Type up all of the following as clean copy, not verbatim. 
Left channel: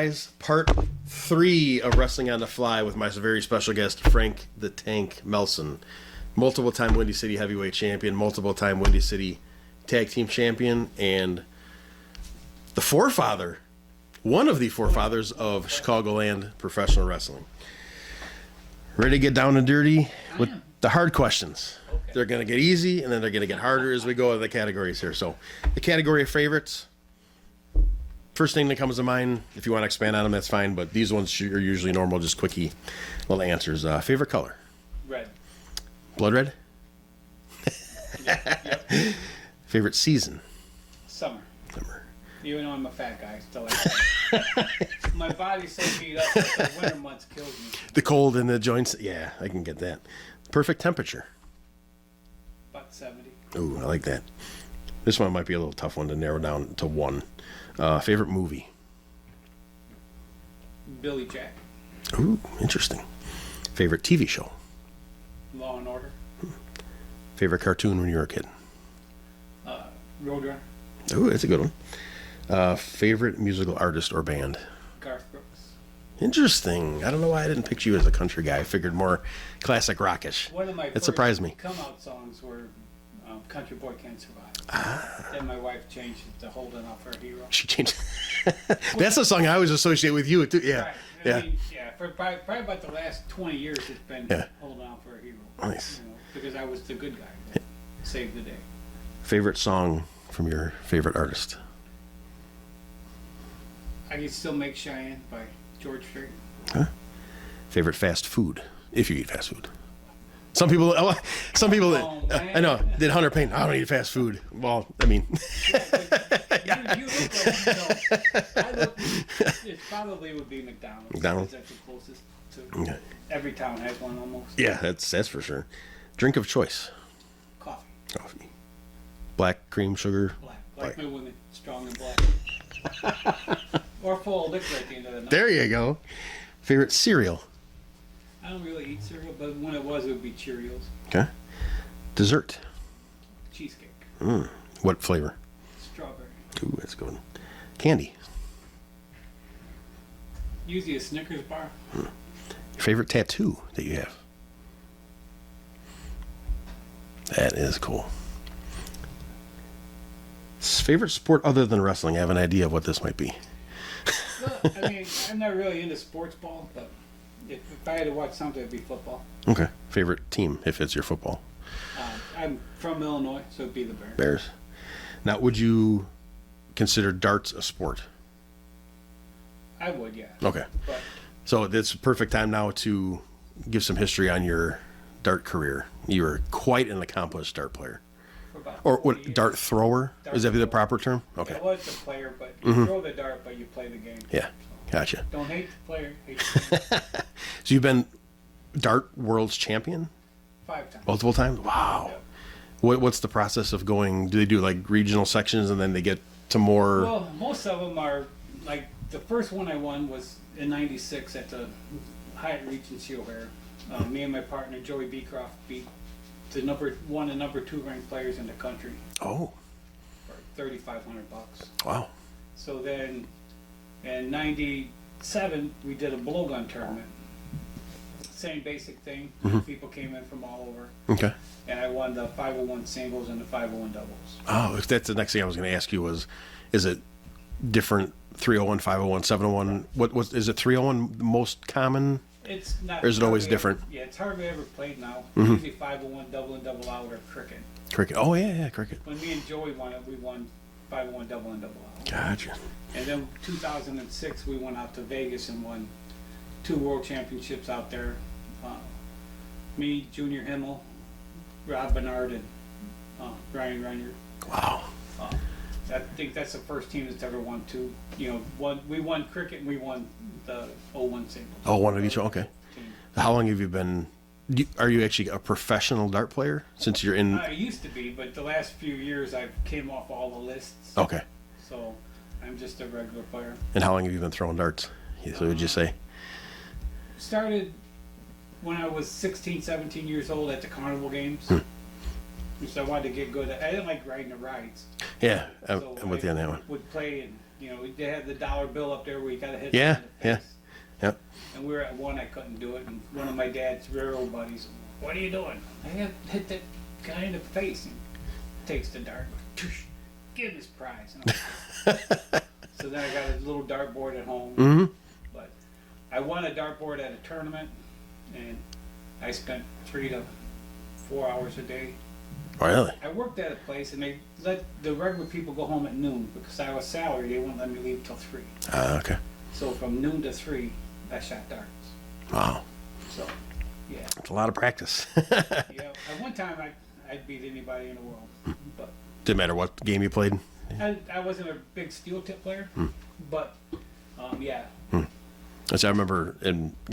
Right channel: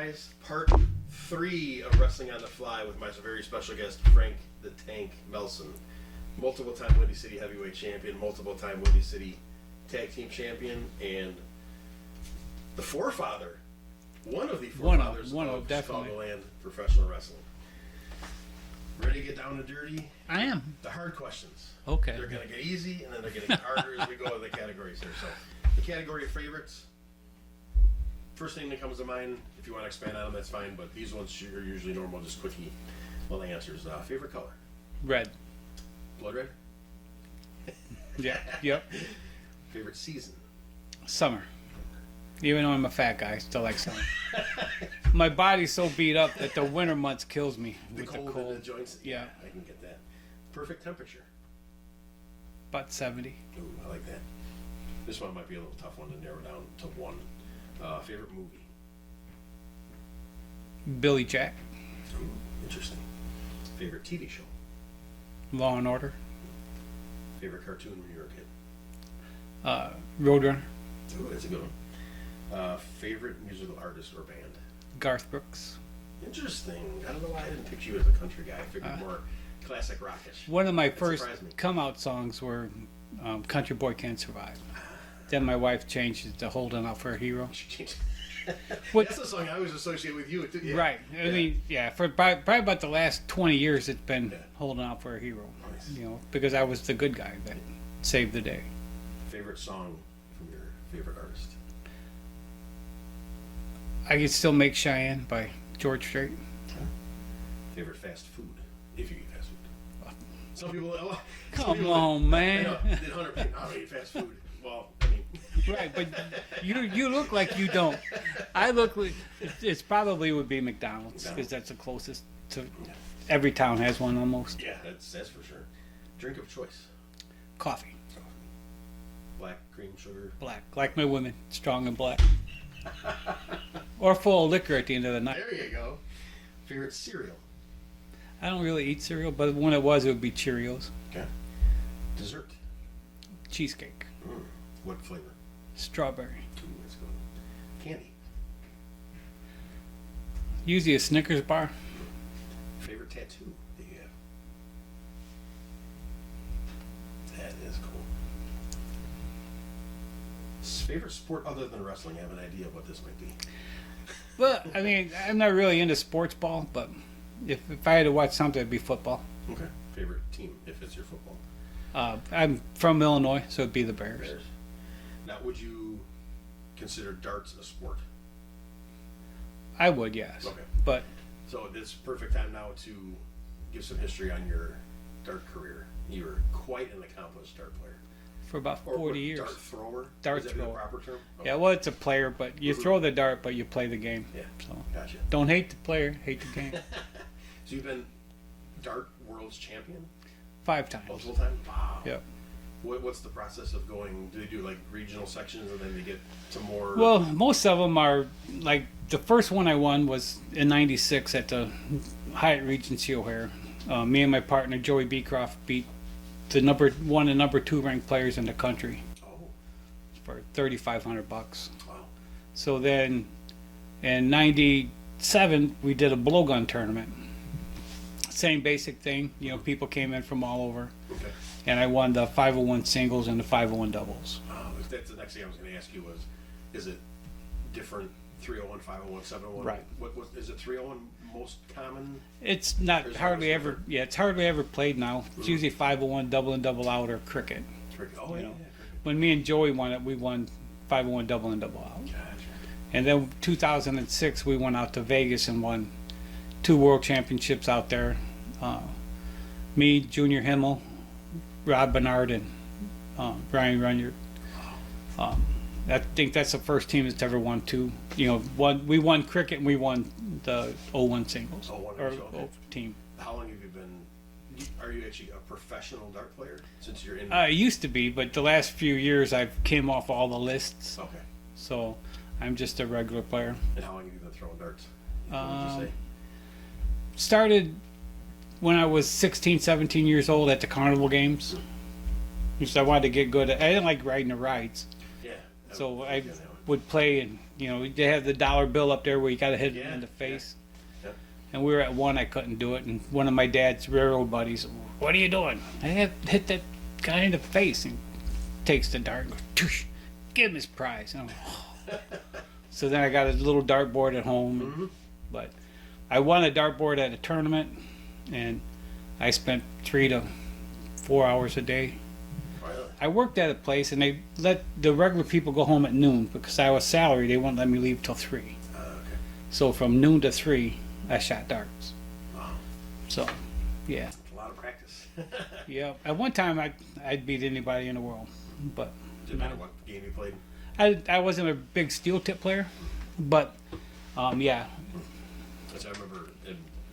guys. Part 3 of Wrestling on the Fly with my very special guest, Frank the Tank Melson. Multiple-time Windy City heavyweight champion, multiple-time Windy City tag team champion, and the forefather, one of the forefathers of Chicagoland professional wrestling. Ready to get down and dirty? I am. The hard questions. Okay. They're going to get easy, and then they're going to get harder as we go to the categories here. So, the category of favorites. First thing that comes to mind, if you want to expand on them, that's fine. But these ones are usually normal, just quickie little answers. Favorite color? Red. Blood red? Yeah. Yep. Favorite season? Summer. Summer. Even though I'm a fat guy, I still like summer. My body's so beat up that the winter months kills me. The cold in the joints? Yeah, I can get that. Perfect temperature? About 70. Ooh, I like that. This one might be a little tough one to narrow down to one. Favorite movie? Billy Jack. Ooh, interesting. Favorite TV show? Law and Order. Favorite cartoon when you were a kid? Roadrunner. Ooh, that's a good one. Favorite musical artist or band? Garth Brooks. Interesting. I don't know why I didn't picture you as a country guy. I figured more classic rockish. One of my That first surprised me. come-out songs were Country Boy Can't Survive. Then my wife changed it to Holding Out for a Hero. She changed. That's a song I always associate with you, too. Yeah. Right. I mean, for probably about the last 20 years, it's been Holding Out for a Hero. Nice. You know, because I was the good guy that saved the day. Favorite song from your favorite artist? I Can Still Make Cheyenne by George Strait. Huh? Favorite fast food, if you eat fast food. Some people, man. I know, did Hunter Payne, I don't eat fast food. Well, I mean. Right, but you look like you don't. I look, it probably would be McDonald's. McDonald's? Because that's the closest to, Okay. every town has one almost. Yeah, that's for sure. Drink of choice? Coffee. Coffee. Black, cream, sugar? Black. Like my women, strong and black. Or full of liquor at the end of the night. There you go. Favorite cereal? I don't really eat cereal, but when it would be Cheerios. Okay. Dessert? Cheesecake. What flavor? Strawberry. Ooh, that's good. Candy? Usually a Snickers bar. Favorite tattoo that you have? That is cool. Favorite sport other than wrestling? I have an idea of what this might be. Well, I mean, I'm not really into sports ball, but if I had to watch something, it'd be football. Okay. Favorite team, if it's your football? I'm from Illinois, so it'd be the Bears. Bears. Now, would you consider darts a sport? I would, yes. Okay. But So it's a perfect time now to give some history on your dart career. You were quite an accomplished dart player. for about Or 40 what, years. dart thrower? Dart Is that the thrower. proper term? Okay. Yeah, well, it's a player, but you throw the dart, but you play the game. Yeah. So Gotcha. don't hate the player, hate the game. So you've been dart world's champion 5 times. multiple times? Wow. Yep. What's the process of going? Do they do like regional sections and then they get to more? Well, most of them are like the first one I won was in '96 at the Hyatt Regency O'Hare. Me and my partner Joey Beecroft beat the number 1 and number 2 ranked players in the country Oh, for $3,500. wow. So then in '97 we did a blowgun tournament. Same basic thing. You know, people came in from all over, Okay. and I won the 501 singles and the 501 doubles. Oh, if that's the next thing I was going to ask you is it different 301, 501, 701? Right. What is it 301 the most common? It's not. Or is it always hardly ever- different? Yeah, it's hardly ever played now. It's usually 501 double and double out or cricket. Cricket. Oh, yeah, cricket. When me and Joey won it, we won 501 double and double out. Gotcha. And then 2006, we went out to Vegas and won 2 world championships out there. Me, Junior Himmel, Rob Bernard, and Brian Runyard. Wow. I think that's the first team that's ever won 2. You know, we won cricket and we won the 01 singles. Oh, one of each, Or okay. Team. How long have you been? Are you actually a professional dart player since you're in? I used to be, but the last few years I've came off all the lists. Okay. So I'm just a regular player. And how long have you been throwing darts? So would you say? Started when I was 16, 17 years old at the carnival games. Because I wanted to get good at. I didn't like riding the rides. Yeah, So I'm with you on that one. would play, and they have the dollar bill up there where you got to hit Yeah, him in the face. Yep. And we were at one, I couldn't do it, and one of my dad's railroad buddies, "What are you doing?" I have hit that guy in the face, and takes the dart, and goes, "Toosh, give him his prize." So then I got a little dartboard at home, Mm-hmm. but I won a dartboard at a tournament, and I spent 3 to 4 hours a day. Really? I worked at a place, and they let the regular people go home at noon because I was salaried. They wouldn't let me leave till 3. Okay. So from noon to 3, I shot darts. Wow. So, yeah, It's a lot of practice. yeah. At one time, I'd beat anybody in the world, but Didn't matter what game you played. I wasn't a big steel tip player, but yeah, Which I remember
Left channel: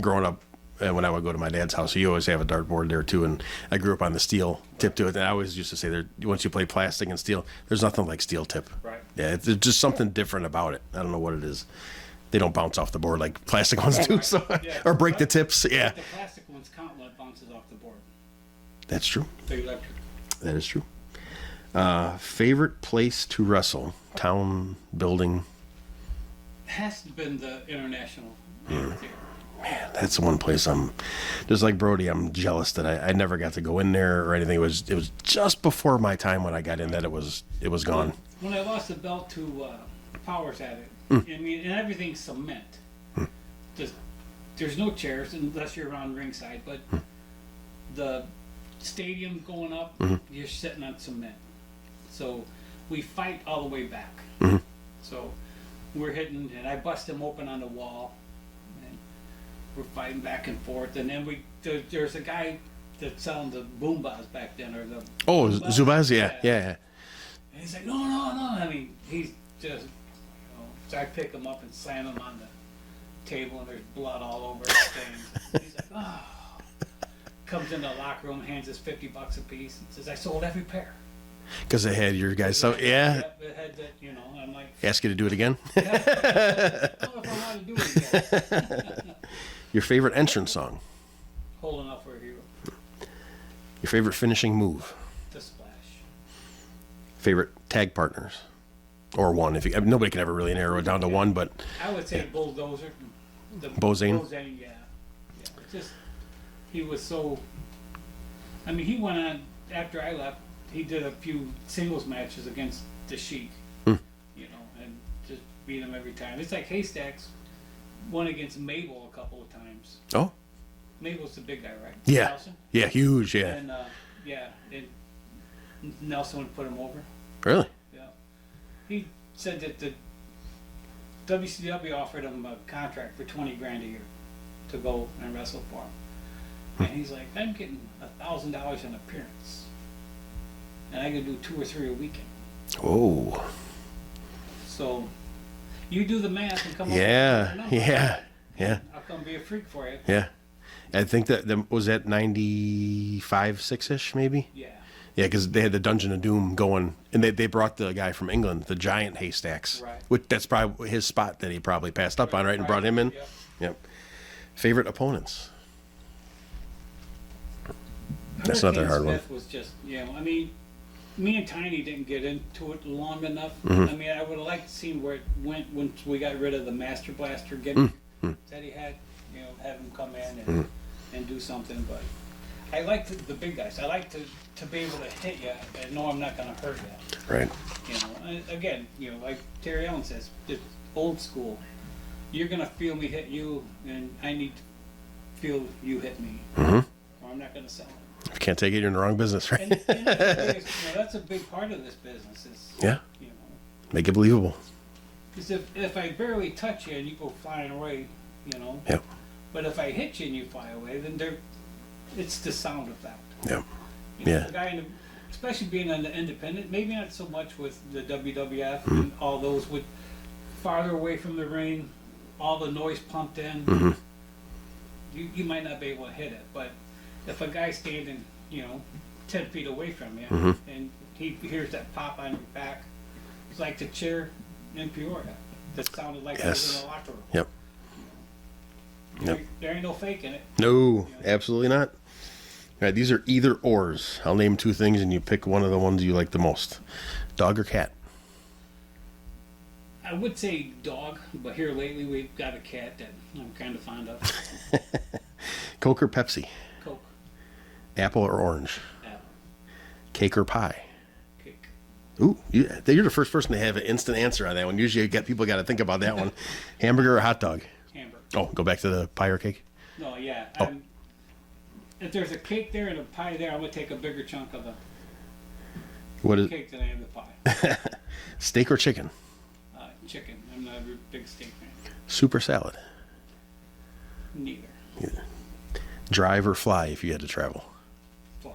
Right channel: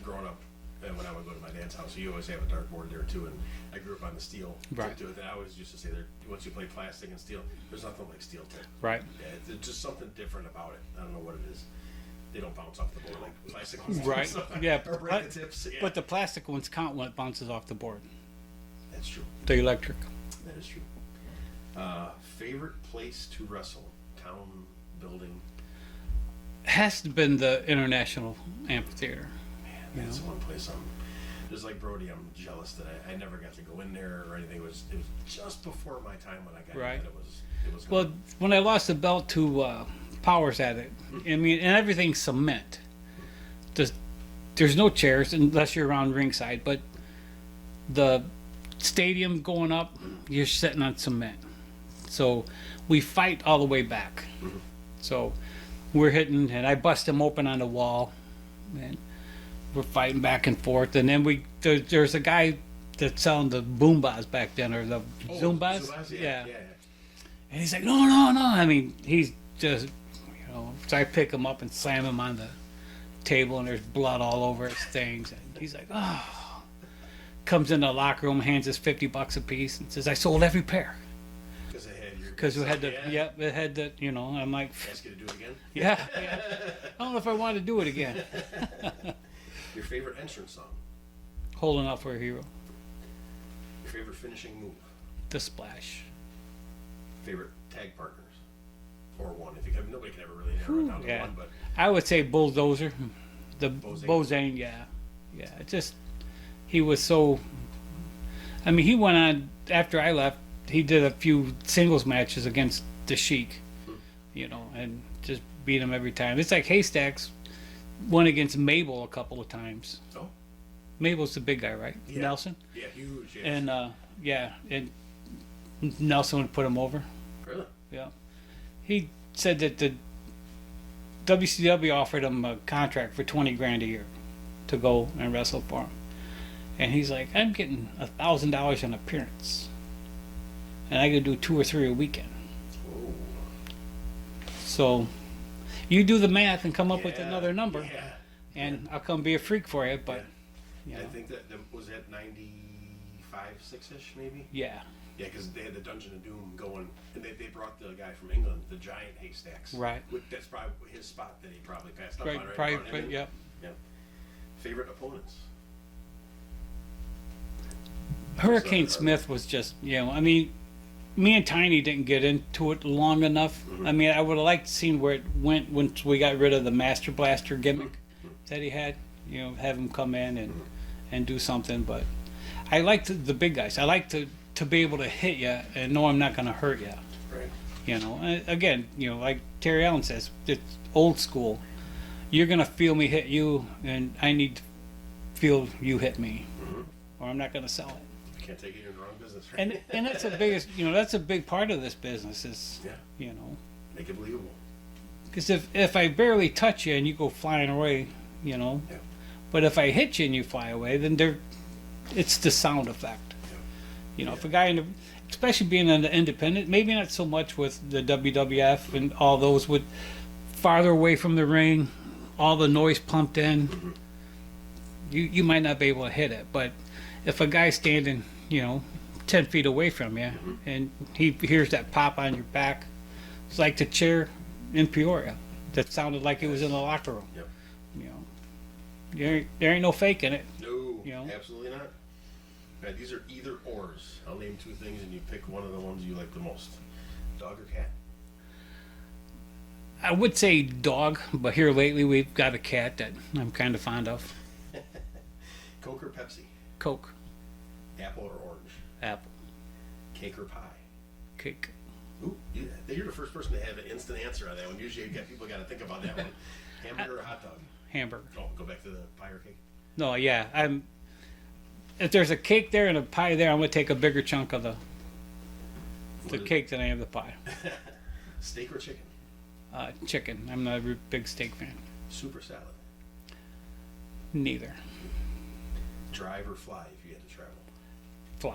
growing up, when I would go to my dad's house, he always have a dartboard there too, and I grew up on the steel tip Right. to it. And I always used to say, once you play plastic and steel, there's nothing like steel tip. right. Yeah, there's just something different about it. I don't know what it is. They don't bounce off the board like plastic ones do, Right. so, Yeah, or break the but- tips. Yeah, But the plastic ones count when it bounces off the board. that's true. The electric. That is true. Favorite place to wrestle? Town, building? Has to been the International Amphitheater. Man, that's the one place I'm just like Brody. I'm jealous that I never got to go in there or anything. It was just before my time when I got in Right. that it was Well, gone. when I lost the belt to Powers at it, I mean, and everything's cement. There's no chairs unless you're around ringside, but the stadium going up, you're sitting on cement. So we fight all the way back. So we're hitting, and I bust him open on the wall, and we're fighting back and forth. And then there's a guy that's selling the boombas back then, or the Oh, Zubaz? Zubaz, yeah. And he's like, no, no, no. I mean, he's just, so I pick him up and slam him on the table, and there's blood all over it, stains. And he's like, oh. Comes in the locker room, hands us $50 a piece, and says, I sold every pair. Because they had your guys. So, It had yeah. Yep, it had the, I'm like, Ask you to do it again. yeah. I don't know if I want to do it again. Your favorite entrance song? Holding out for a hero. Your favorite finishing move? The splash. Favorite tag partners? Or one? Nobody can ever really narrow it down to Yeah. one, but I would say Bulldozer. The Bozane? Bozane, yeah. Yeah. It just, he was so, I mean, he went on, after I left, he did a few singles matches against the Sheik, and just beat him every time. It's like Haystacks went against Mabel a couple of times. oh Mabel's the big guy, right? yeah, Nelson. yeah, huge, yeah. And and Nelson would put him over. Really? Yeah. He said that the WCW offered him a contract for $20,000 a year to go and wrestle for him, and he's like, I'm getting $1,000 an appearance, and I could do 2 or 3 a weekend. Oh, So you do the math and come up with yeah, another number. yeah, And I'll come be a freak for you. yeah. I think that was at 95, 6-ish, maybe. Yeah. Yeah, because they had the Dungeon of Doom going, and they brought the guy from England, the giant Haystacks. Right. Which that's probably his spot that he probably passed up on, right? And brought him in. Yep. Yep. Favorite opponents? That's not a Hurricane hard Smith was just, I mean, me and Tiny didn't get into it long enough. Mm-hmm. I mean, I would have liked to see where it went once we got rid of the Master Blaster gimmick Mm-hmm. that he had. Have him come in and do something. But I like the big guys. I like to be able to hit you and know I'm not going to hurt you. Right. And again, like Terry Allen says, it's old school. You're going to feel me hit you, and I need to feel you hit me, or I'm not going to sell it. If you can't take it, you're in the wrong business, right? And that's the biggest, that's a big part of this business is, Yeah. Make it believable. because if I barely touch you and you go flying away, Yep. but if I hit you and you fly away, then it's the sound effect. Yep. If a guy especially being an independent, maybe not so much with the WWF and all those, with farther away from the ring, all the noise pumped in, you might not be able to hit it. But if a guy's standing, 10 feet away from you, and he hears that pop on your back, it's like the chair in Peoria that sounded like it was in the locker room. Yep. There ain't no faking it. No, absolutely not. All right, these are either ors. I'll name 2 things and you pick one of the ones you like the most. Dog or cat? I would say dog, but here lately we've got a cat that I'm kind of fond of. Coke or Pepsi? Coke, Apple or orange? apple, Cake or pie? cake. Ooh, you're the first person to have an instant answer on that one. Usually people got to think about that one. Hamburger or hot dog? Hamburger. Oh, go back to the pie or cake? No, yeah. If there's a cake there and a pie there, I'm gonna take a bigger chunk of the What is cake than I am the pie. steak or chicken? Chicken. I'm not a big steak fan. Soup or salad? Neither. Drive or fly if you had to travel? Fly.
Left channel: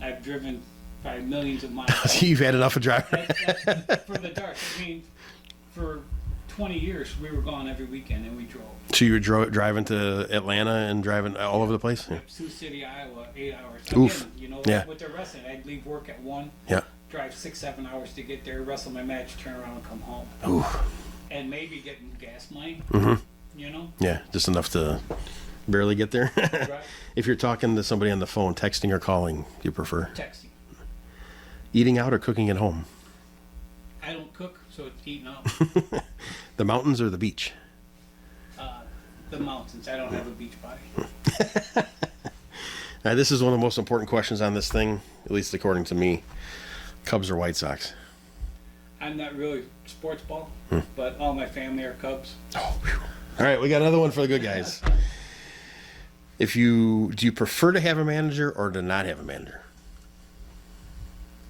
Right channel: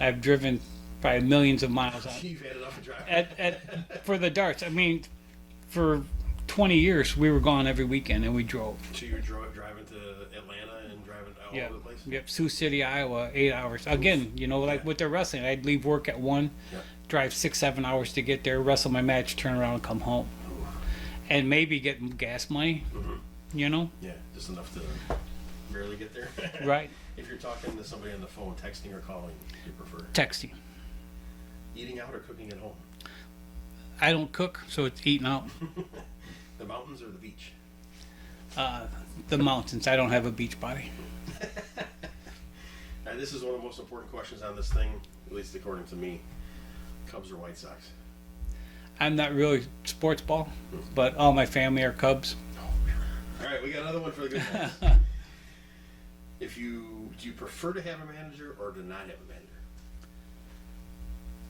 I've driven probably millions of miles. You've had enough of driving. For the darts. I mean, for 20 years we were gone every weekend and we drove. So you were driving to Atlanta and driving all over the place? Yep, Sioux City, Iowa, 8 hours. Again, you know, Yeah. with their wrestling, I'd leave work at 1, Yeah. drive 6-7 hours to get there, wrestle my match, turn around and come home. Ooh. And maybe get gas money, you know? Yeah, just enough to barely get there. Right. If you're talking to somebody on the phone, texting or calling, do you prefer? Texting. Eating out or cooking at home? I don't cook, so it's eating out. The mountains or the beach? The mountains. I don't have a beach body. Now, this is one of the most important questions on this thing, at least according to me. Cubs or White Sox? I'm not really sports ball, but all my family are Cubs. Oh, whew. All right, we got another one for the good guys. Do you prefer to have a manager or to not have a manager?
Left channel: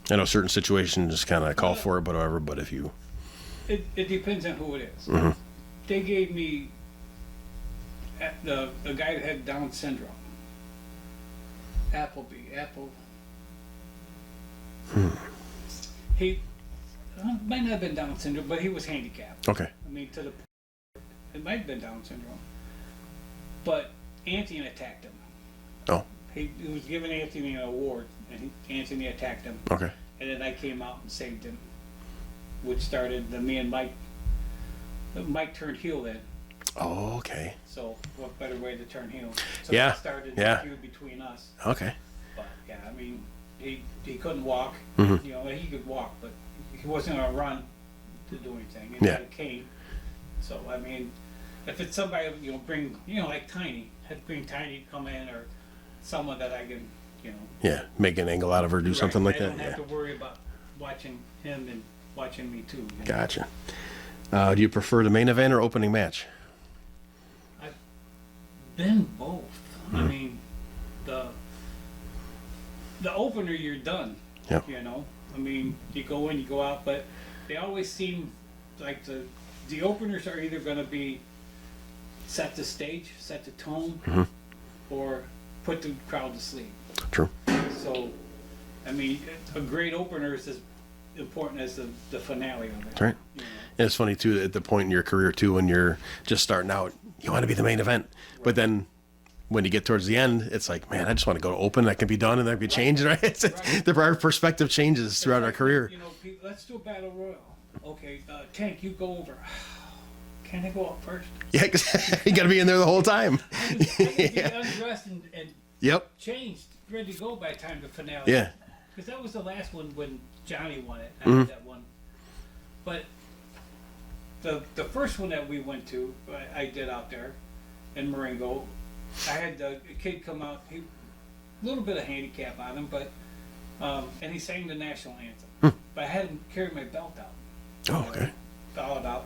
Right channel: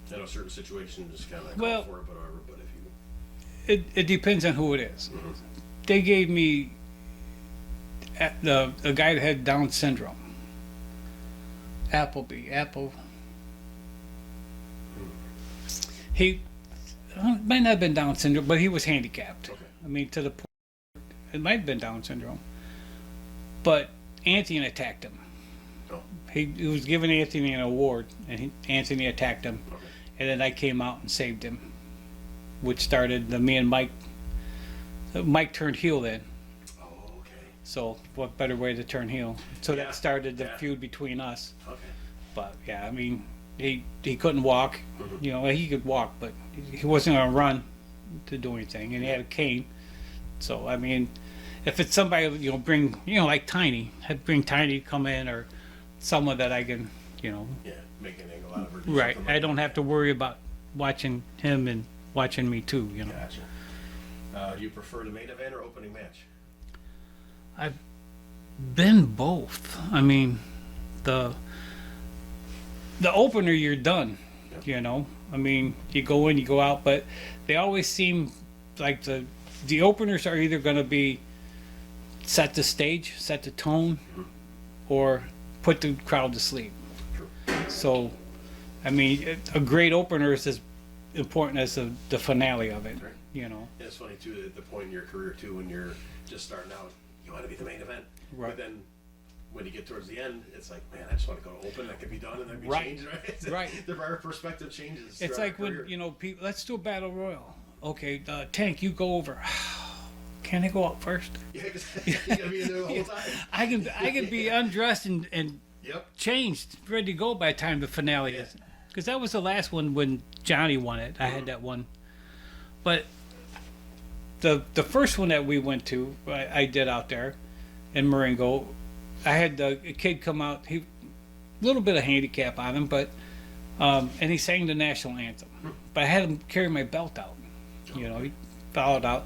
I know certain situations kind of call for it, but whatever. But if you, It depends on who it is. They gave me the guy that had Down syndrome. Apple. He might not have been Down syndrome, but he was handicapped. okay, I mean, to the point, it might have been Down syndrome. But Anthony attacked him. oh, He was giving Anthony an award, and Anthony attacked him. okay, And then I came out and saved him, which started me and Mike. Mike turned heel then, oh, okay, so what better way to turn heel? So Yeah, that started the yeah. feud between us. okay, But yeah, I mean, he couldn't walk. Mhm. You know, he could walk, but he wasn't gonna run to do anything. And he Yeah. had a cane. So I mean, if it's somebody bring like Tiny, I'd bring Tiny to come in, or someone that I can yeah, make an angle out of her, do something like I that. don't have to worry about watching him and watching me too. Gotcha. Do you prefer the main event or opening match? I've been both. I mean, the opener, you're done. Yep. I mean, you go in, you go out, but they always seem like the openers are either going to be set the stage, set the tone, or put the crowd to sleep. True. So, I mean, a great opener is as important as the finale of it. Right. And it's funny too, at the point in your career too, when you're just starting out, you want to be the main event, Right. but then when you get towards the end, it's like, man, I just want to go to open. That can be done, and that can be Right. changed. Right? Right. The perspective changes It's throughout our like career. when, people, let's do a battle royal. Okay, Tank, you go over. Can I go out first? Yeah, 'cause you got to be in there the whole time. I can be undressed and Yep. changed, ready to go by the time the finale. Yeah. Because that was the last one when Johnny won it. I Mm-hmm. had that one. But the first one that we went to, I did out there in Marengo, I had the kid come out. He a little bit of handicap on him, but and he sang the national anthem. But I had him carry my belt out. Oh, okay. Followed out.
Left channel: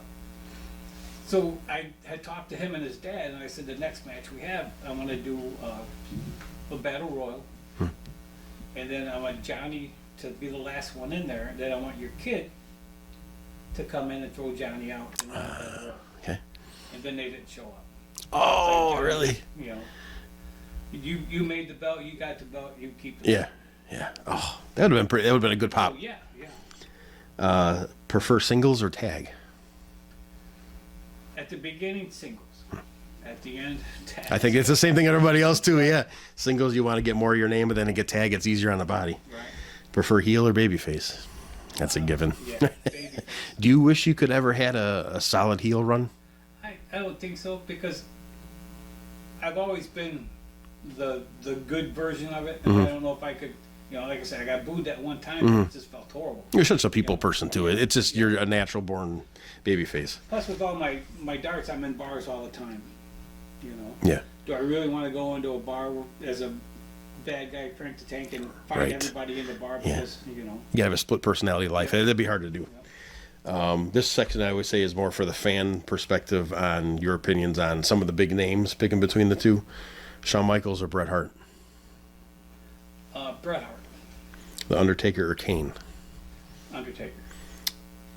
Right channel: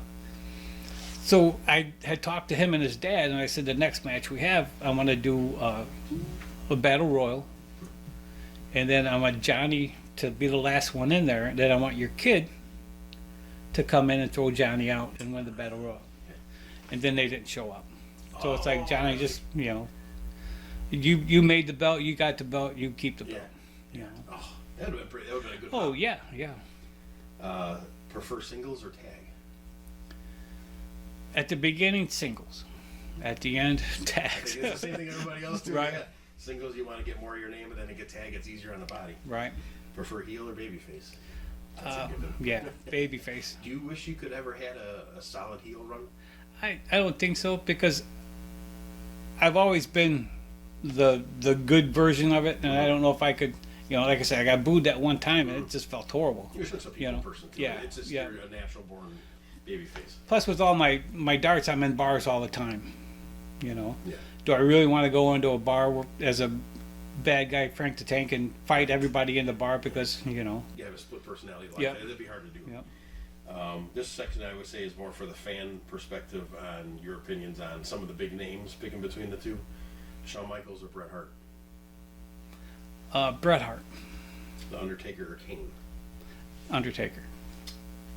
So I had talked to him and his dad, and I said, the next match we have, I want to do a battle royal, and then I want Johnny to be the last one in there, and then I want your kid to come in and throw Johnny out and win the battle royal. Okay. And then they didn't show up. Oh, Johnny, really? You made the belt, you got the belt, you keep the belt. Yeah. Yeah. Oh, that would have been pretty. That would have been a good pop. Oh yeah. Prefer singles or tag? At the beginning, singles. At the end, tag. I think it's the same thing everybody else too. Yeah. Singles, you want to get more of your name, but then to get tag, it's easier on the body. Right. Prefer heel or babyface? That's a given. Yeah, baby face. Do you wish you could ever had a solid heel run? I don't think so, because I've always been the good version of it, and I don't know if I could. Like I said, I got booed that one time, and it just felt horrible. You're such a people Yeah. person too. Yeah. It's just Yeah. you're a natural born Babyface. Plus, with all my darts, I'm in bars all the time. You know. Yeah. Do I really want to go into a bar as a bad guy, Frank the Tank, and fight Right. everybody in the bar because you know? You have a split personality life. Yeah. That'd be hard to do. Yeah. This section I would say is more for the fan perspective on your opinions on some of the big names, picking between the two. Shawn Michaels or Bret Hart? Bret Hart, The Undertaker or Kane? Undertaker.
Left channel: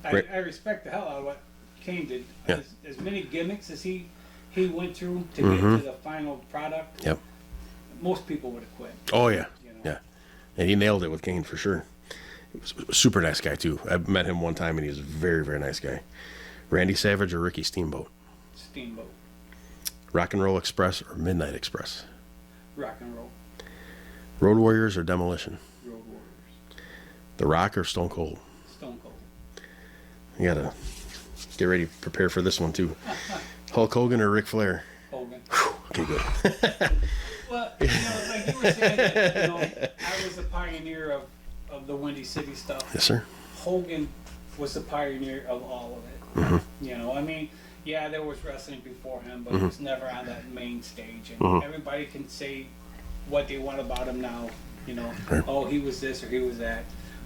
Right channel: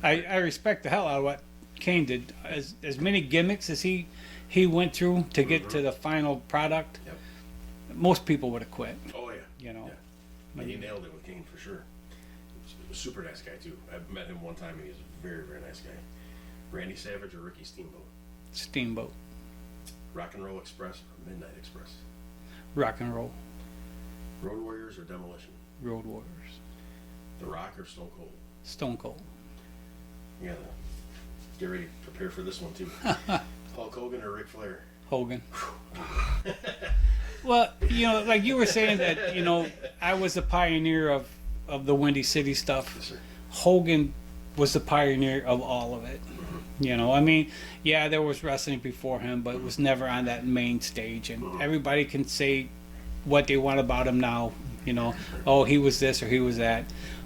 Great. I respect the hell out of what Kane did. Yeah. As many gimmicks as he went through to get to the final product, Yep. most people would have quit. Oh, yeah. You know. Yeah. And he nailed it with Kane for sure. He was a super nice guy, too. I met him one time, and he was a very, very nice guy. Randy Savage or Ricky Steamboat? Steamboat, Rock and Roll Express or Midnight Express? rock and roll, Road Warriors or Demolition? Road Warriors, The Rock or Stone Cold? Stone Cold, You gotta get ready, prepare for this one, too. Hulk Hogan or Ric Flair? Hogan. Okay, good. Well, you know, like you were saying that, you know, I was the pioneer of the Windy City stuff. Yes, sir. Hogan was the pioneer of all of it. You know, I mean, yeah, there was wrestling before him, but it was never on that main stage. And everybody can say what they want about him now. You know, Right. oh, he was this or he was that.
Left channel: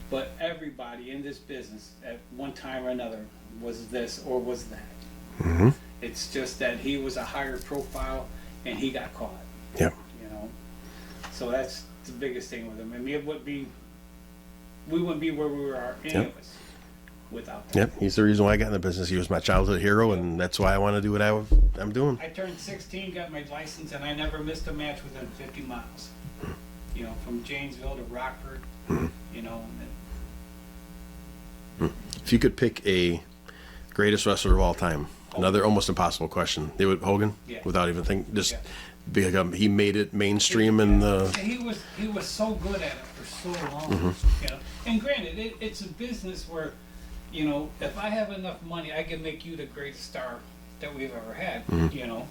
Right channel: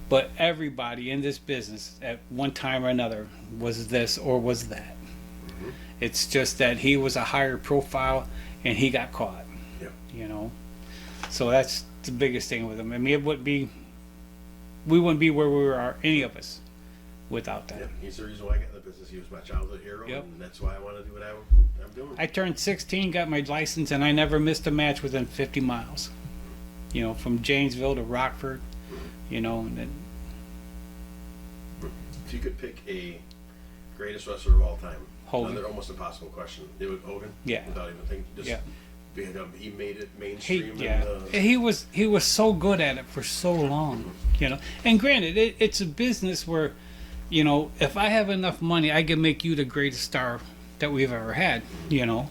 But everybody in this business at one time or another was this or was that. It's just that he was a higher profile and he got caught. Yeah. You know, so that's the biggest thing with him. I mean, we wouldn't be where we are, any Yep. of us, without that. Yep. He's the reason why I got in the business. He was my childhood hero, Yep. and that's why I want to do what I'm doing. I turned 16, got my license, and I never missed a match within 50 miles. You know, from Janesville to Rockford. You know, and then If you could pick a greatest wrestler of all time, Hogan. another almost impossible question. They would Hogan, Yeah. without even thinking, just Yeah. become. He made it mainstream he, in yeah. the. he was so good at it for so long. You know, and granted, it's a business where, you know, if I have enough money, I can make you the greatest star that we've ever had. You know,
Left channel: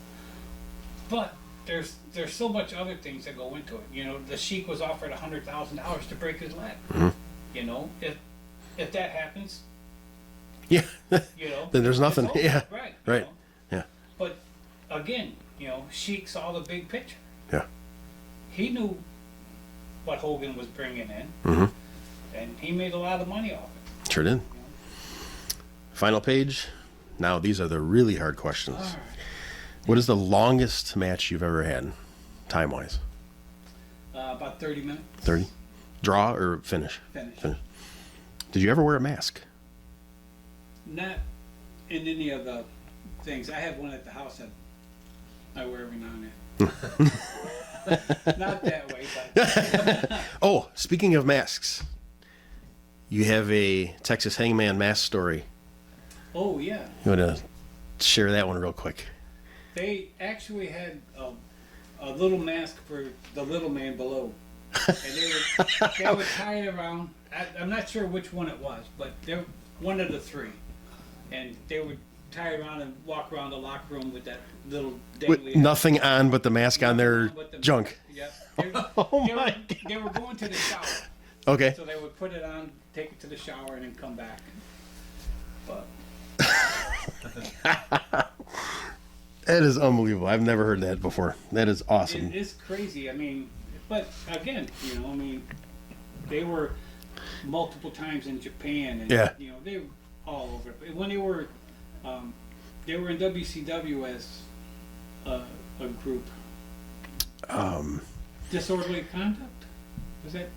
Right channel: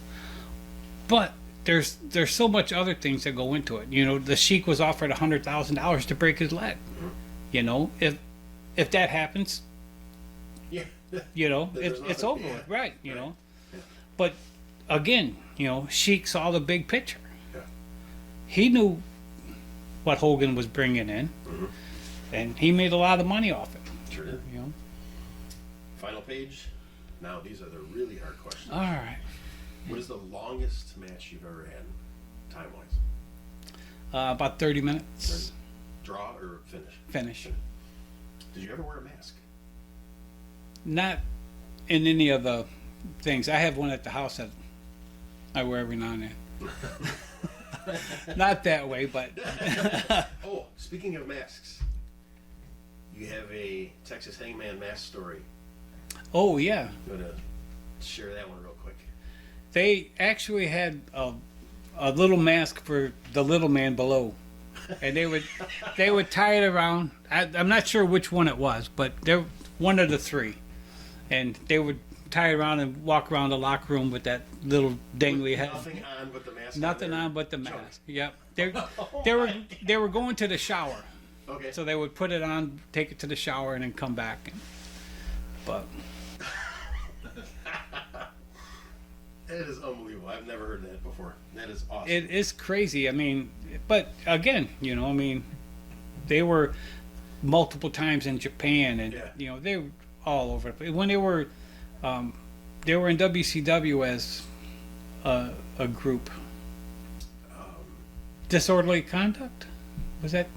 but there's so much other things that go into it. You know, the Sheik was offered $100,000 to break his leg. You know, if that happens, Yeah. you know, Then there's it's nothing. over, Yeah. right? You Right. know? Yeah. But again, you know, Sheik saw the big picture. Yeah. He knew what Hogan was bringing in, and he made a lot of money off it. Sure did. You know? Final page. Now these are the really hard questions. All right, What is the longest match you've ever had, time wise? about 30 minutes. 30. Draw or finish? Finish. Did you ever wear a mask? Not in any of the things. I have one at the house that I wear every now and then. Not that way, but Oh, speaking of masks, you have a Texas Hangman mask story. oh yeah, You want to share that one real quick? they actually had a little mask for the little man below, and they would tie it around. I'm not sure which one it was, but they're one of the three, and they would tie it around and walk around the locker room with that little With dangly nothing on but the mask on nothing their on but the junk. mask. Yep. They Oh were my they were going to the shower, Okay. so they would put it on, take it to the shower, and then come back. But That is unbelievable. I've never heard that before. That is awesome. it is crazy. I mean, but again, you know, I mean, they were multiple times in Japan, and Yeah. you know, they were all over. When they were in WCW as a group. Disorderly conduct, was that?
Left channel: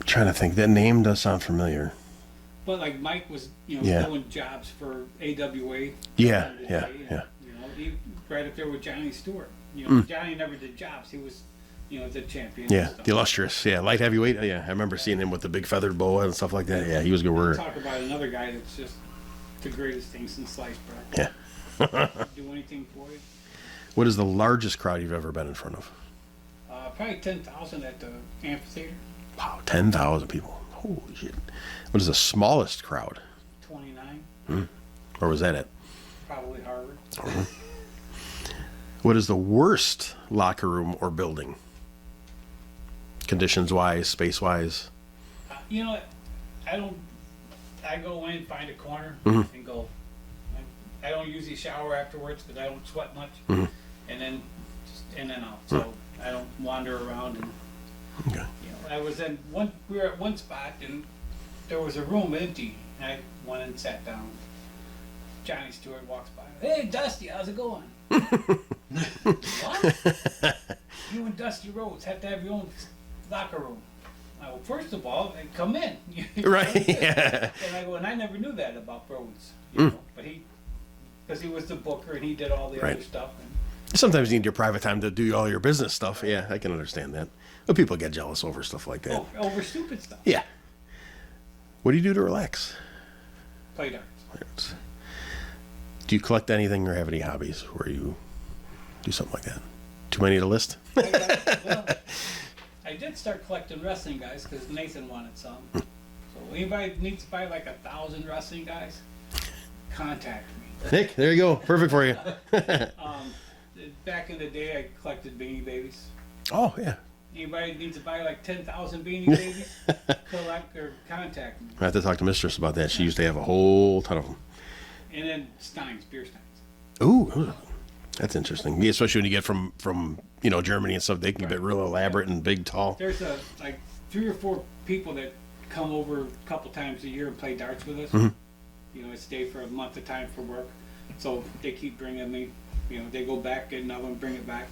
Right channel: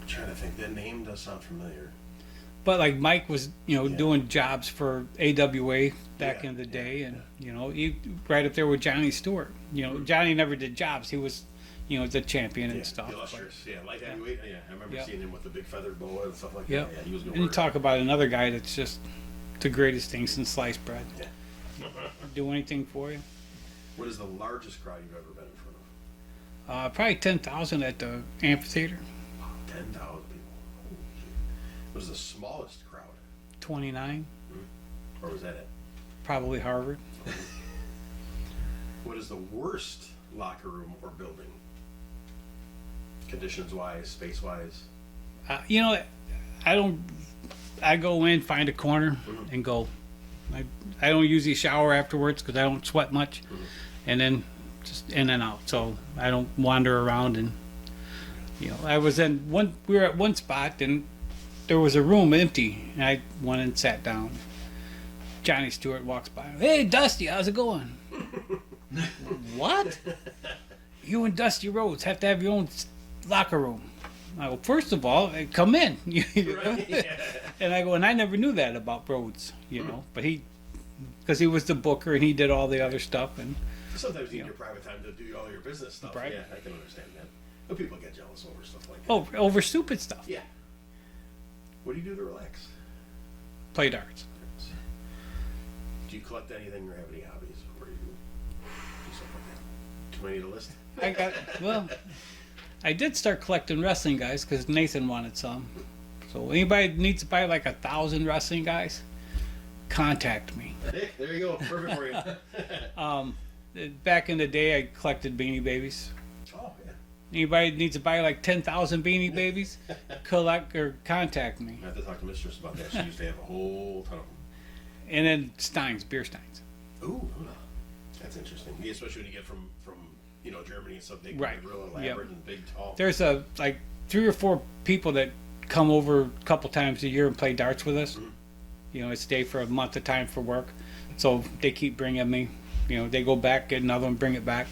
I'm trying to think. That name does sound familiar. But like Mike was, you know, Yeah. doing jobs for AWA back Yeah, in the yeah, day, and yeah. you know, he right up there with Johnny Stewart. You know, Johnny never did jobs; he was, you know, the champion. Yeah, and stuff. the illustrious. Yeah, light heavyweight. Yeah, I remember seeing him with the big feathered boa and stuff like that. Yeah, he was a good You worker. talk about another guy that's just the greatest thing since sliced bread. Yeah. Do anything for you? What is the largest crowd you've ever been in front of? Probably 10,000 at the amphitheater. Wow, 10,000 people. Holy shit. What is the smallest crowd? 29, Or was that it? probably Harvard. What is the worst locker room or building? Conditions wise, space wise? You know, I don't. I go in, find a corner, and go. I don't usually shower afterwards because I don't sweat much, and then just in and out. So I don't wander around and. Okay. You know, I was in one. We were at one spot, and there was a room empty. And I went and sat down. Johnny Stewart walks by. Hey, Dusty, how's it going? What? You and Dusty Rhodes have to have your own locker room. I go, first of all, come in. Right. Yeah. And I go, and I never knew that about Rhodes, you know, but because he was the booker and he did all the other stuff. And Sometimes you need your private time to do all your business stuff. Right. Yeah, I can understand that. But people get jealous over stuff like that. oh, over stupid stuff. Yeah. What do you do to relax? Play darts. Do you collect anything or have any hobbies where you do something like that? Too many to list? Well, I did start collecting wrestling guys because Nathan wanted some. So anybody that needs to buy like 1,000 wrestling guys, contact me. Nick, there you go. Perfect for you. Back in the day, I collected Beanie Babies. Oh, yeah. Anybody that needs to buy like 10,000 Beanie Babies, collect or contact me. I have to talk to Mistress about that. She used to have a whole ton of them. And then Steins, beer Steins. Ooh, that's interesting. Yeah, especially when you get from Germany and stuff. They can be real elaborate and big, tall. There's like 3 or 4 people that come over a couple times a year and play darts with us. You know, stay for a month at a time for work. So they keep bringing me. You know, they go back, get another one, bring it back.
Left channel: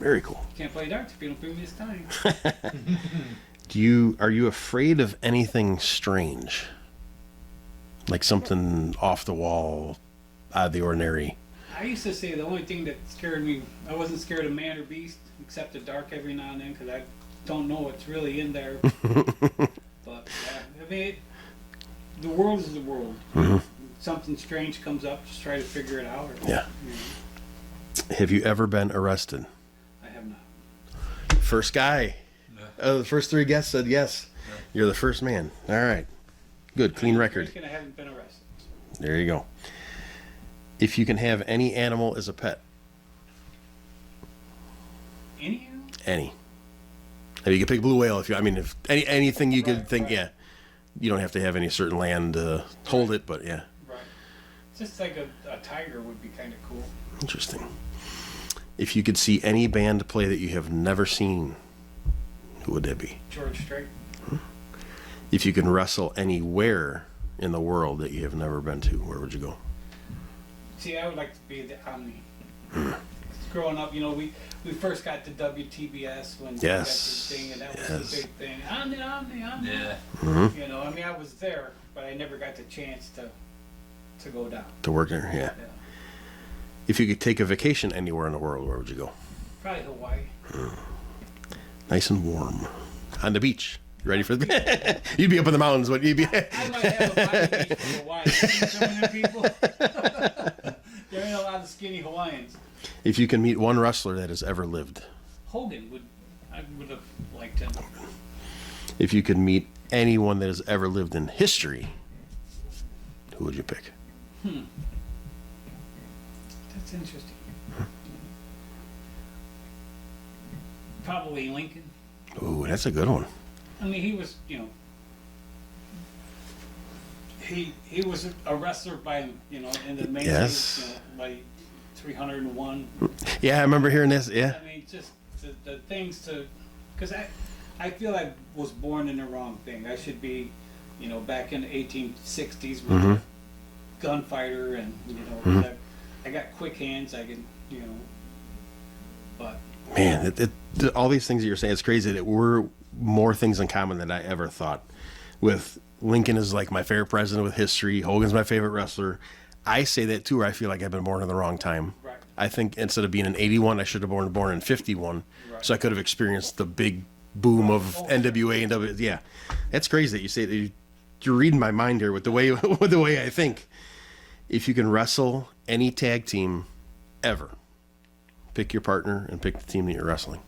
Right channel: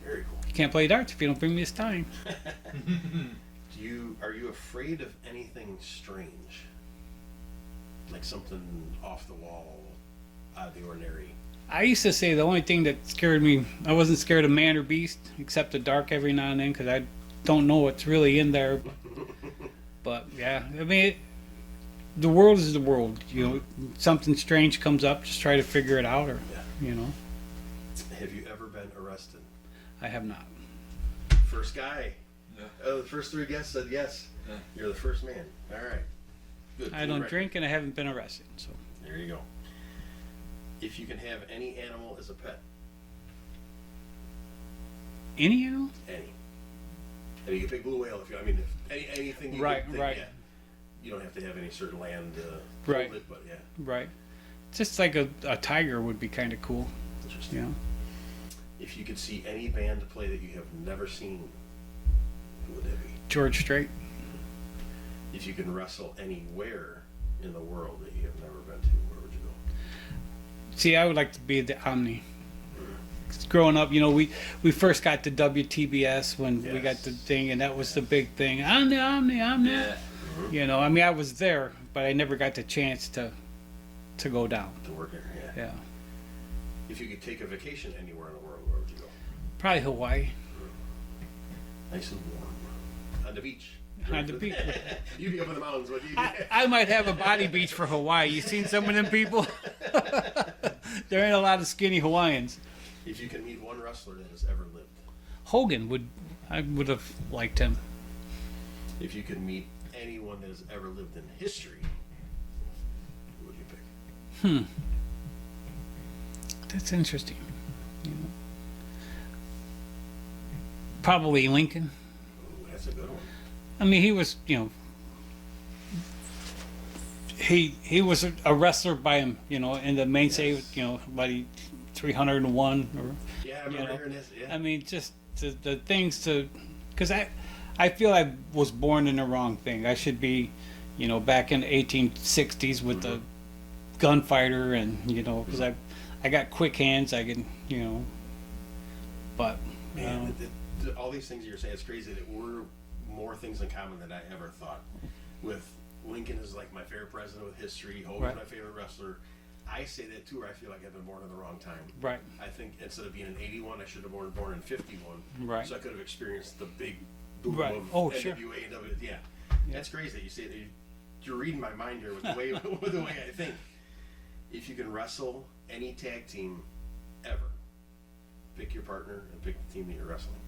Very cool. You can't play darts if you don't bring me a Stein. Are you afraid of anything strange? Like something off the wall, out of the ordinary? I used to say the only thing that scared me, I wasn't scared of man or beast, except the dark every now and then, because I don't know what's really in there. But yeah, I mean, the world is the world. You know? Something strange comes up, just try to figure it out. Or, Yeah. You know, Have you ever been arrested? I have not. First guy. The first 3 guests said yes. You're the first man. All right. Good, I clean don't record. drink and I haven't been arrested. So. There you go. If you can have any animal as a pet, Any animal? any. And you can pick blue whale if you. I mean, if anything you could Right, think. right. Yeah. You don't have to have any certain land to hold it, but yeah. Right. Just like a tiger would be kind of cool. Interesting. If you could see any band play that you have never seen, who would that be? George Strait. If you can wrestle anywhere in the world that you have never been to, where would you go? See, I would like to be the Omni. Growing up, you know, we first got the WTBS when we got the thing, and that was the big thing. Omni. Yeah. You know, I mean, I was there, but I never got the chance to go down. To work there, yeah. Yeah, If you could take a vacation anywhere in the world, where would you go? probably Hawaii. Nice and warm. On the beach. You ready for the You'd be up in the mountains, but you'd be I might have a body beach for Hawaii. You seen some of them people? There ain't a lot of skinny Hawaiians. If you can meet one wrestler that has ever lived. Hogan I would have liked him. If you could meet anyone that has ever lived in history, who would you pick? That's interesting. Probably Lincoln. Ooh, that's a good one. I mean, he was, you know, he was a wrestler by him, you know, in the main stage, you know, about 301. Yeah, I remember hearing this. I Yeah. mean, just the things to, because I feel I was born in the wrong thing. I should be, you know, back in the 1860s with the gunfighter, and you know, 'cause I got quick hands. I can, you know, but Man, all these things that you're saying, it's crazy that we're more things in common than I ever thought. With Lincoln is like my favorite president with history. Hogan's my favorite wrestler. I say that too, where I feel like I've been born in the wrong time. Right. I think instead of being in 81, I should have been born in 51. Right. So I could have experienced the big boom of Oh, NWA and W. Yeah, that's crazy that you say that. You're reading my mind here with the way with the way I think. If you can wrestle any tag team ever, pick your partner and pick the team that you're wrestling.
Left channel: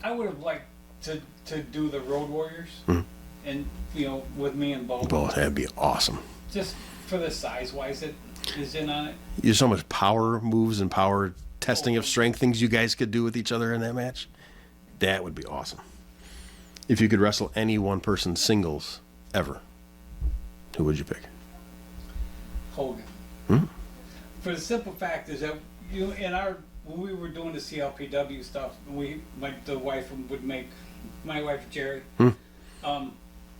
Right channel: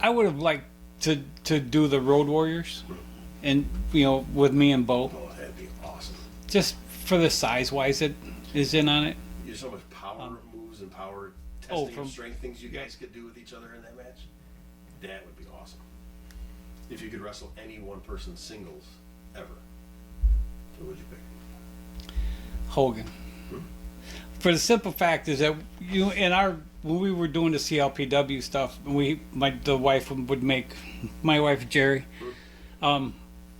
I would have liked to do the Road Warriors, and you know, with me and Bo, Both, that'd be awesome. just for the size wise it is in on it. There's so much power moves and power testing of from- strength things you guys could do with each other in that match. That would be awesome. If you could wrestle any one person singles ever, who would you pick? Hogan. For the simple fact is that when we were doing the CLPW stuff, and the wife would make, my wife Jerry,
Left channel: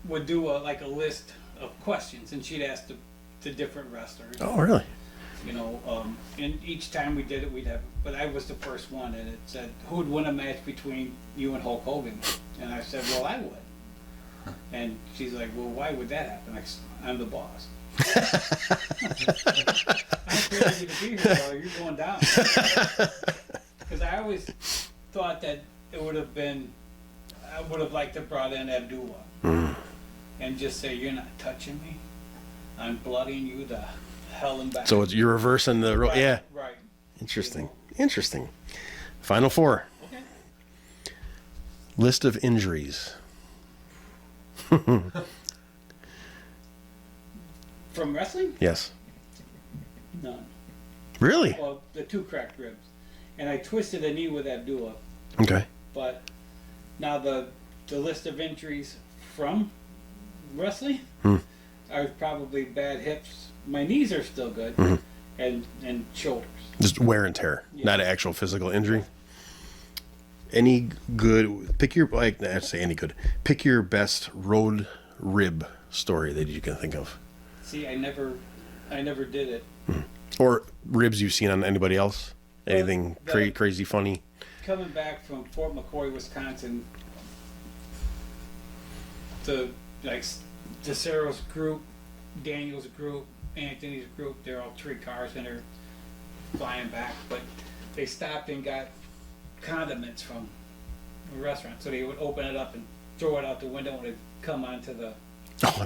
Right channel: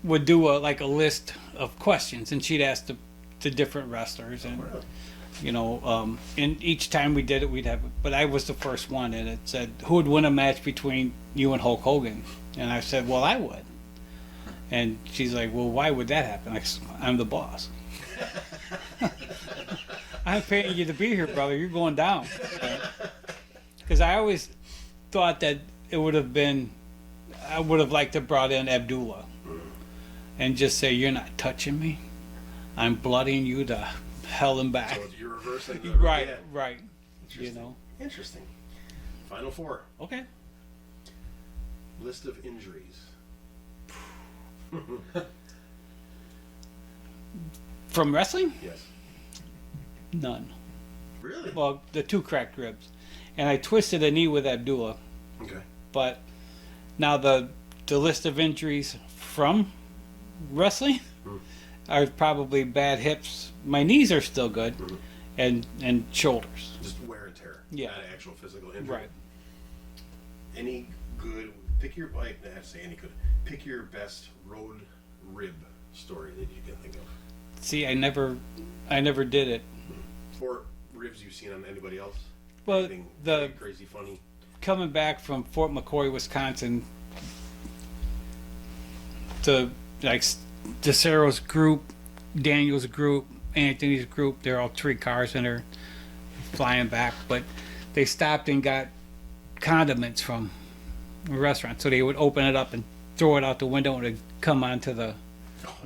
would do a list of questions, and she'd ask the different wrestlers. Oh, really? And each time we did it, but I was the first one, and it said, who would win a match between you and Hulk Hogan? And I said, well, I would. And she's like, well, why would that happen? I'm the boss. I paid you to be here, brother. You're going down. Because I always thought that I would have liked to brought in Abdullah and just say, you're not touching me. I'm bloodying you to hell and back. So you're reversing the right, yeah. Right. Interesting. Interesting. Final four. Okay. List of injuries. From wrestling? Yes. None. Really? Well, the 2 cracked ribs. And I twisted a knee with Abdullah. Okay. But now the list of injuries from wrestling are probably bad hips. My knees are still good, and shoulders. Just wear and tear, not an actual physical injury. Right. Any good? Pick your I'd say any good. Pick your best road rib story that you can think of, See, I never did it. or ribs you've seen on anybody else. Well, Anything crazy funny? Coming back from Fort McCoy, Wisconsin, to DeCero's group, Daniel's group, Anthony's group, they're all 3 cars and they're flying back, but they stopped and got condiments from a restaurant, so they would open it up and throw it out the window and it'd come onto the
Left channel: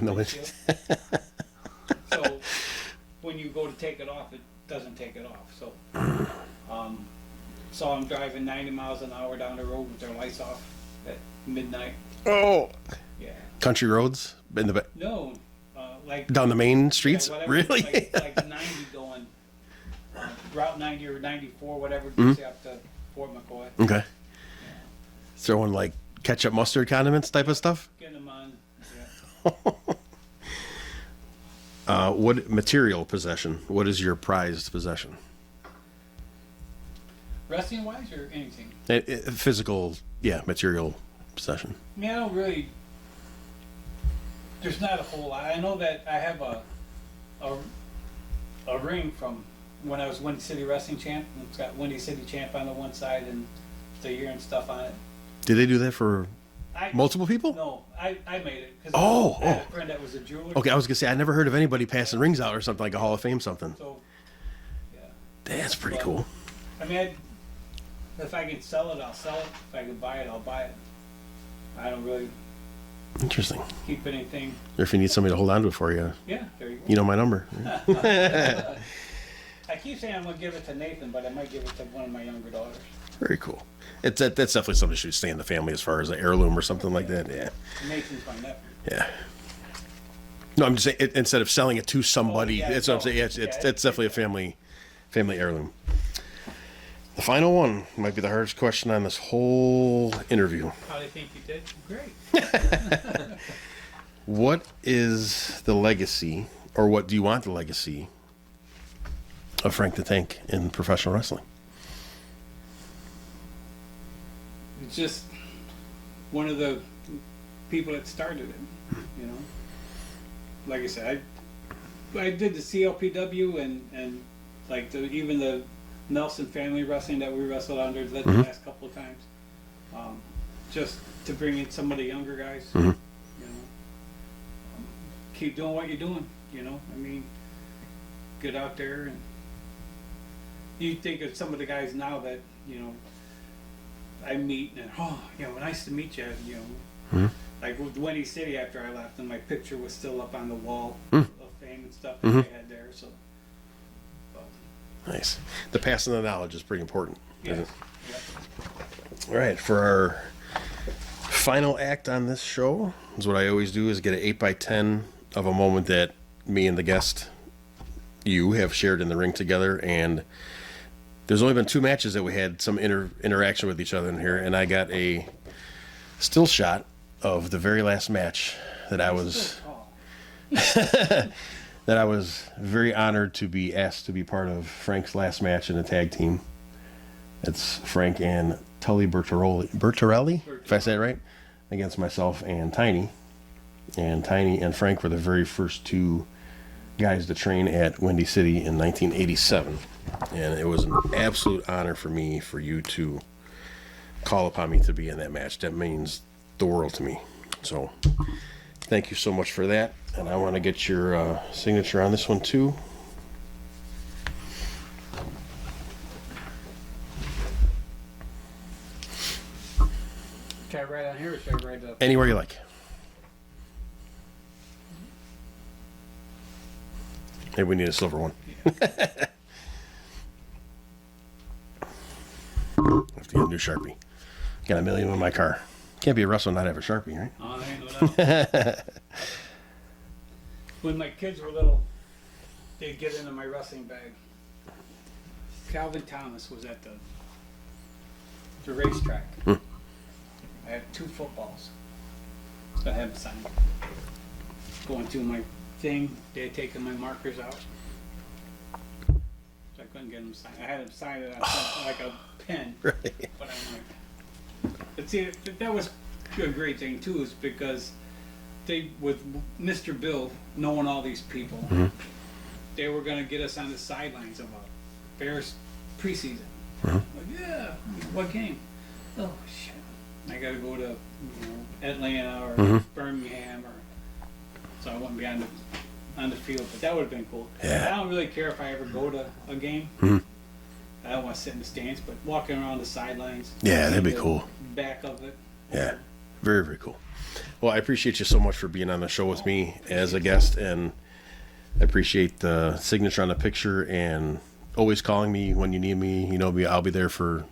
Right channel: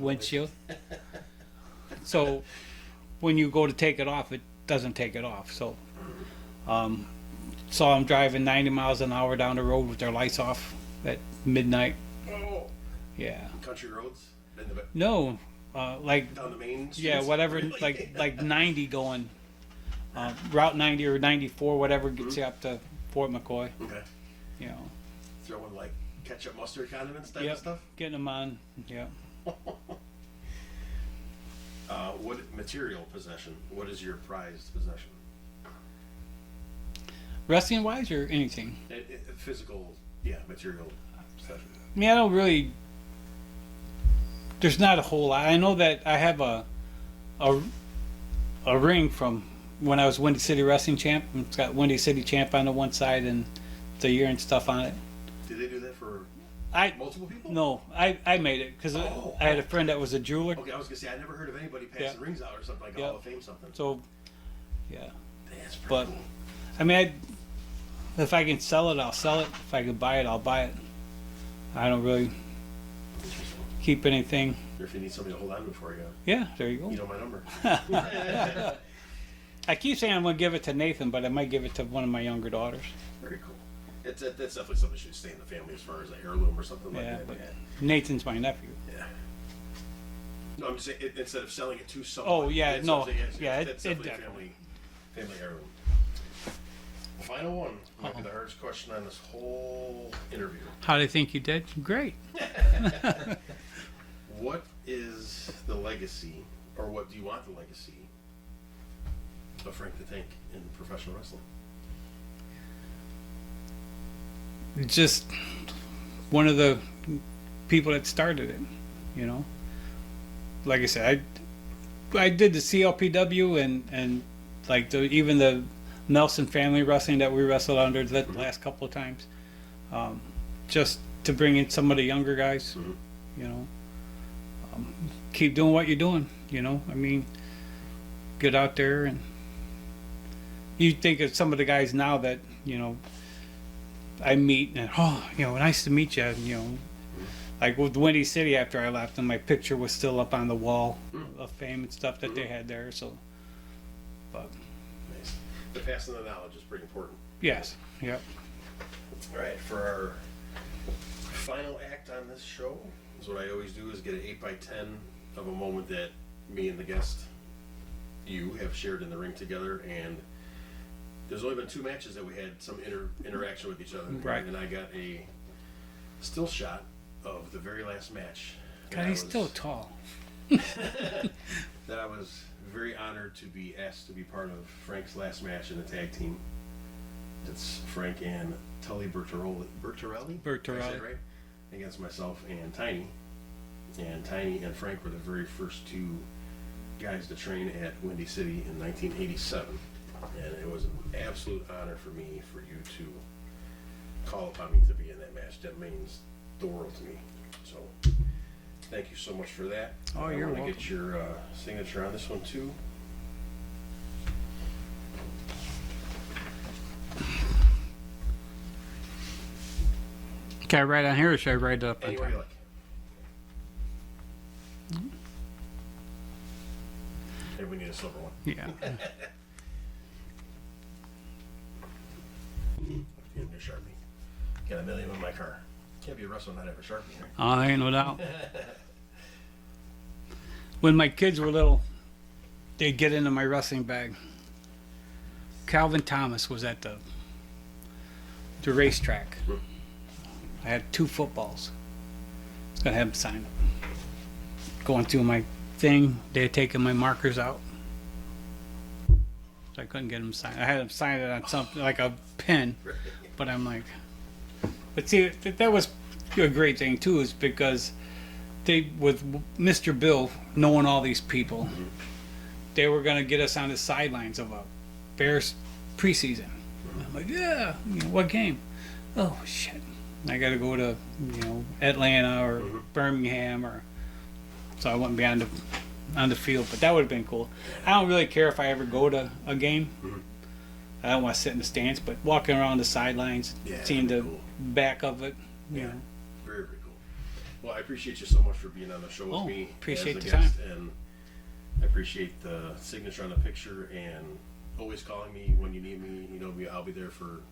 windshield. So when you go to take it off, it doesn't take it off. So saw them driving 90 miles an hour down the road with their lights off at midnight. Oh, Yeah. country roads in the No, down the main streets. yeah, whatever. Really? like 90 going, Route 90 or 94, whatever gets you up to Fort McCoy. Okay. You know, Throwing like ketchup, mustard, condiments type of stuff. getting them on. Yeah. What material possession? What is your prized possession? Wrestling wise or anything? Physical, material possession. I mean, I don't really. There's not a whole lot. I know that I have a ring from when I was Windy City Wrestling Champ. It's got Windy City Champ on the one side and the year and stuff on it. Did they do that for multiple people? No, I made it because I had a friend that was a jeweler. Okay, I was gonna say I never heard of anybody passing rings out or something like a Hall of Fame something. So, yeah. That's pretty But, cool. I mean, if I can sell it, I'll sell it. If I could buy it, I'll buy it. I don't really Interesting. keep anything. Or if you need somebody to hold on to it for you, Yeah, there you go. you know my number. I keep saying I'm going to give it to Nathan, but I might give it to one of my younger daughters. Very cool. That's definitely something that should stay in the family as far as an heirloom or something like Yeah. that. Yeah. Nathan's my nephew. Yeah. No, I'm just saying instead of selling it to somebody, yeah, it's no. what I'm saying. It's Yeah, definitely a family heirloom. The final one might be the hardest question on this whole interview. How do you think you did? Great. What is the legacy, or what do you want the legacy of Frank the Tank in professional wrestling? Just one of the people that started it, you know. Like I said, I did the CLPW and like even the Melson family wrestling that we wrestled under the last couple of times, just to bring in some of the younger guys, you know. Keep doing what you're doing, you know. I mean, get out there and you think of some of the guys now that you know I meet and you know, nice to meet you, you know. Like with Windy City after I left, and my picture was still up on the wall of fame and stuff that they had there. So, but Nice. The passing of the knowledge is pretty important. yes, yeah. All right, for our final act on this show, is what I always do is get an 8x10 of a moment that me and the guest, you, have shared in the ring together. And there's only been 2 matches that we had some interaction with each other in here, and I got a still shot of the very last match that I He's was still tall. that I was very honored to be asked to be part of Frank's last match in the tag team. It's Frank and Tully Bertorelli, if I say it right, against myself and Tiny. And Tiny and Frank were the very first two guys to train at Windy City in 1987. And it was an absolute honor for me, for you to call upon me to be in that match. That means the world to me. So thank you so much for that. And I want to get your signature on this one too. Can I write on here or should I write up? Anywhere you like. Maybe we need a silver one. Yeah. I have to get a new Sharpie. Got a million in my car. Can't be a wrestler and not have a Sharpie, right? I ain't no doubt. When my kids were little, they'd get into my wrestling bag. Calvin Thomas was at the racetrack. I had 2 footballs. I was gonna have him sign. Going through my thing, they had taken my markers out, so I couldn't get him signed. I had him sign it on something like a pen, Right. but I'm like, but see, that was a great thing too, is because they, with Mr. Bill knowing all these people, they were gonna get us on the sidelines of a Bears preseason. I'm like, yeah, what game? Oh shit, I gotta go to Atlanta or Birmingham, or so I wouldn't be on the field. But that would have been cool. Yeah. I don't really care if I ever go to a game. I don't want to sit in the stands, but walking around the sidelines. Yeah, that'd seeing be the cool. Back of it. Yeah, very, very cool. Well, I appreciate you so much for being on the show with me appreciate as a the guest, time. and I appreciate the signature on the picture and always calling me when you need me. You know, I'll be there for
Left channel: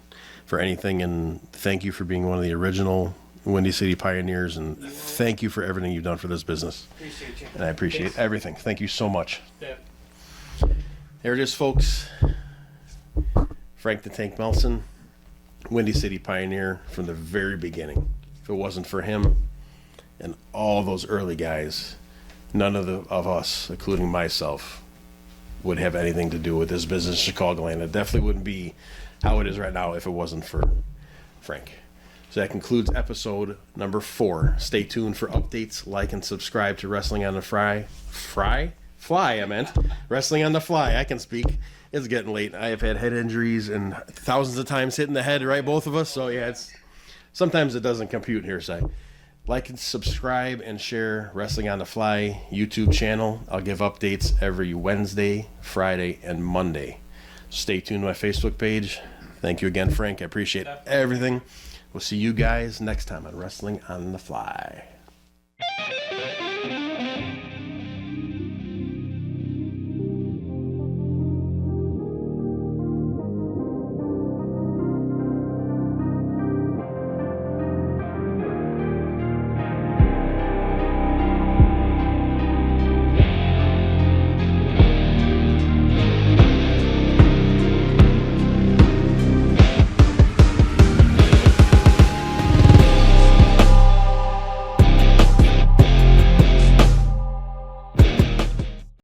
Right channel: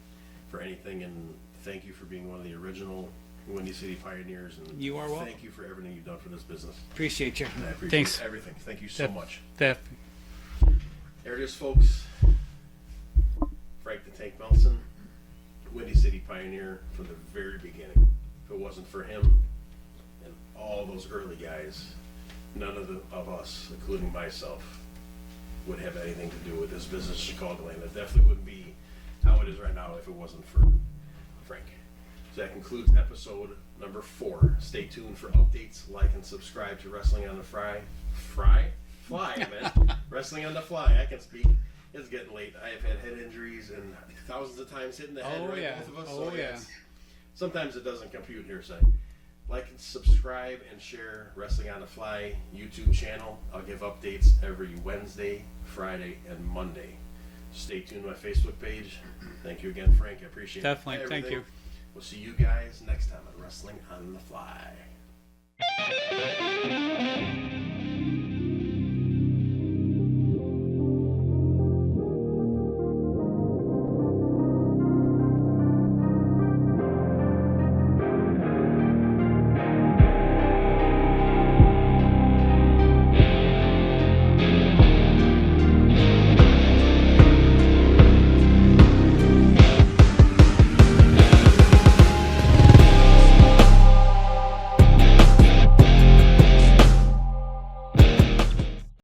anything, and thank you for being one of the original Windy City pioneers, and You are welcome. thank you for everything you've done for this business. Appreciate you. And I appreciate Thanks. everything. Thank you so much. That There it is, folks. Frank the Tank Melson, Windy City pioneer from the very beginning. If it wasn't for him and all those early guys, none of us, including myself, would have anything to do with this business in Chicagoland. It definitely wouldn't be how it is right now if it wasn't for Frank. So that concludes episode number 4. Stay tuned for updates. Like and subscribe to Wrestling on the Fly, I meant. Wrestling on the Fly. I can speak. It's getting late. I have had head injuries and thousands of times hitting the head, right? yeah. Both of us. So Oh, yeah, yeah. it's sometimes it doesn't compute here. So like and subscribe and share Wrestling on the Fly YouTube channel. I'll give updates every Wednesday, Friday, and Monday. Stay tuned to my Facebook page. Thank you again, Frank. I appreciate Definitely. Thank everything. you. We'll see you guys next time on Wrestling on the Fly.